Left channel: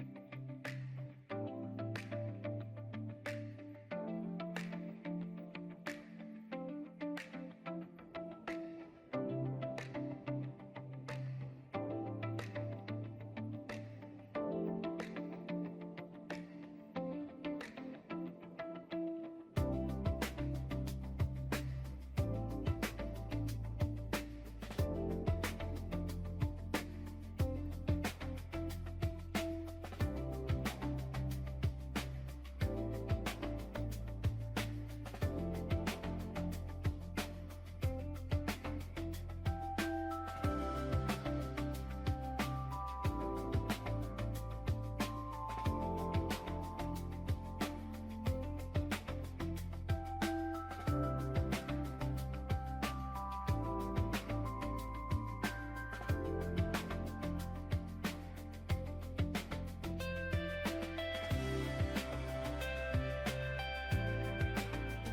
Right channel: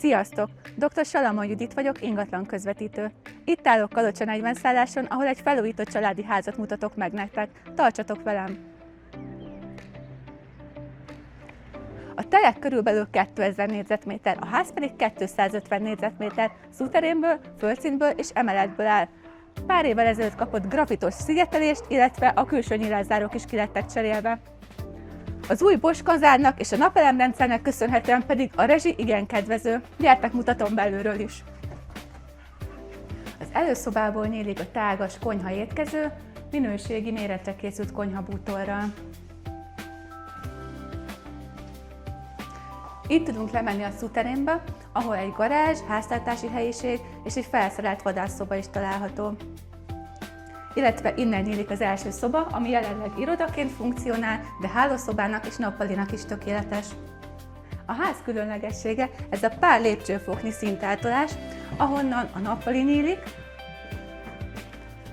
Sziasztok! Dr. Salamon Judit vagyok, ingatlan közvetítő. Itt állok Kalocsa 40 szálláson, ahol egy felújított családi házat mutatok meg nektek. Tartsatok velem! A telek körülbelül 2000 négyzetméter, a ház pedig 250 négyzetméter, szuterénből, földszintből és emeletből áll. Pár évvel ezelőtt kapott grafitos szigetelést, illetve a külső nyilászárók is ki lettek cserélve. Az új Bosch kazánnak és a napelemrendszernek köszönhetően pedig a rezsi igen kedvező. Gyertek, mutatom belülről is. Az előszobából nyílik a tágas konyha étkező, minőségi méretre készült konyhabútorral. Itt tudunk lemenni a szuterénbe, ahol egy garázs, háztartási helyiség és egy felszerelt vadászszoba is található. Illetve innen nyílik az első szoba, ami jelenleg irodaként funkcionál, de hálószobának és nappalinak is tökéletes. A ház különlegessége ez a pár lépcsőfoknyi szintáltolás, ahonnan a nappali nyílik,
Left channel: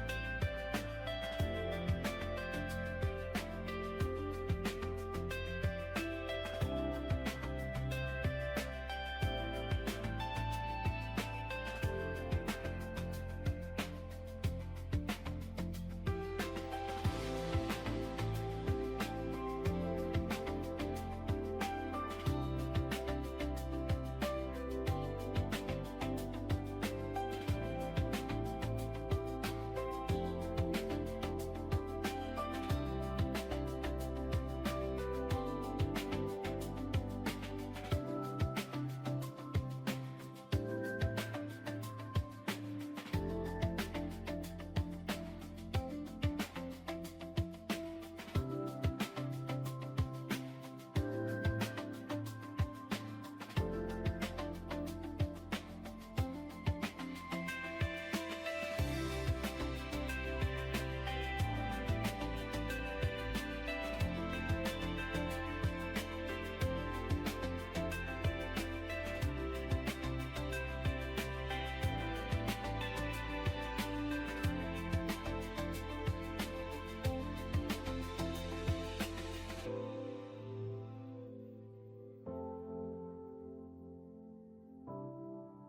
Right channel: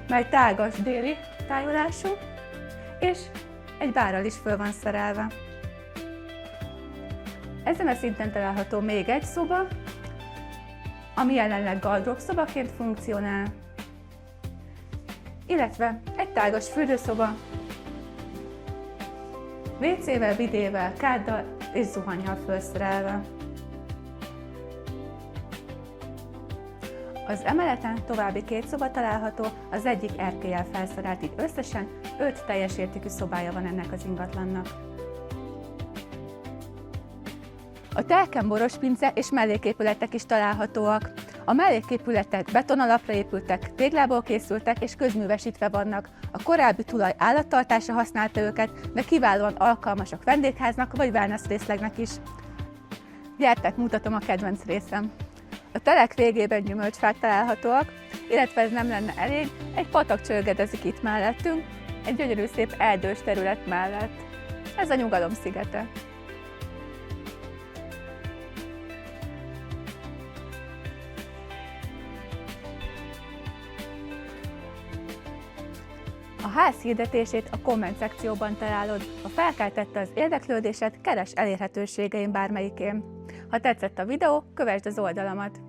mely tágas déli tájolású, és egy bárral is föl van szerelve. Ezen a szinten található még egy szoba, ami jelenleg gardrób szobaként funkcionál, illetve egy tágas fürdőszoba, WC-vel, bidével, káddal és zuhannyal felszerelve. Az emeleten további két szoba található, az egyik erkéllyel felszerelt, így összesen 5 teljes értékű szobája van ennek az ingatlannak. A telken borospince és melléképületek is találhatóak. A melléképületek betonalapra épültek, téglából készültek és közművesítve vannak. A korábbi tulaj állattartása használta őket, de kiválóan alkalmasak vendégháznak vagy wellness részlegnek is. Gyertek, mutatom a kedvenc részem. A telek végében gyümölcsfák találhatóak, illetve ez nem lenne elég, egy patak csörgedezik itt mellettünk, egy gyönyörű szép erdős terület mellett. Ez a nyugalom szigete. A ház hirdetését a komment szekcióban találod. Ha felkeltette az érdeklődésed, keresd elérhetőségeim bármelyikén. Ha tetszett a videó, kövesd az oldalamat.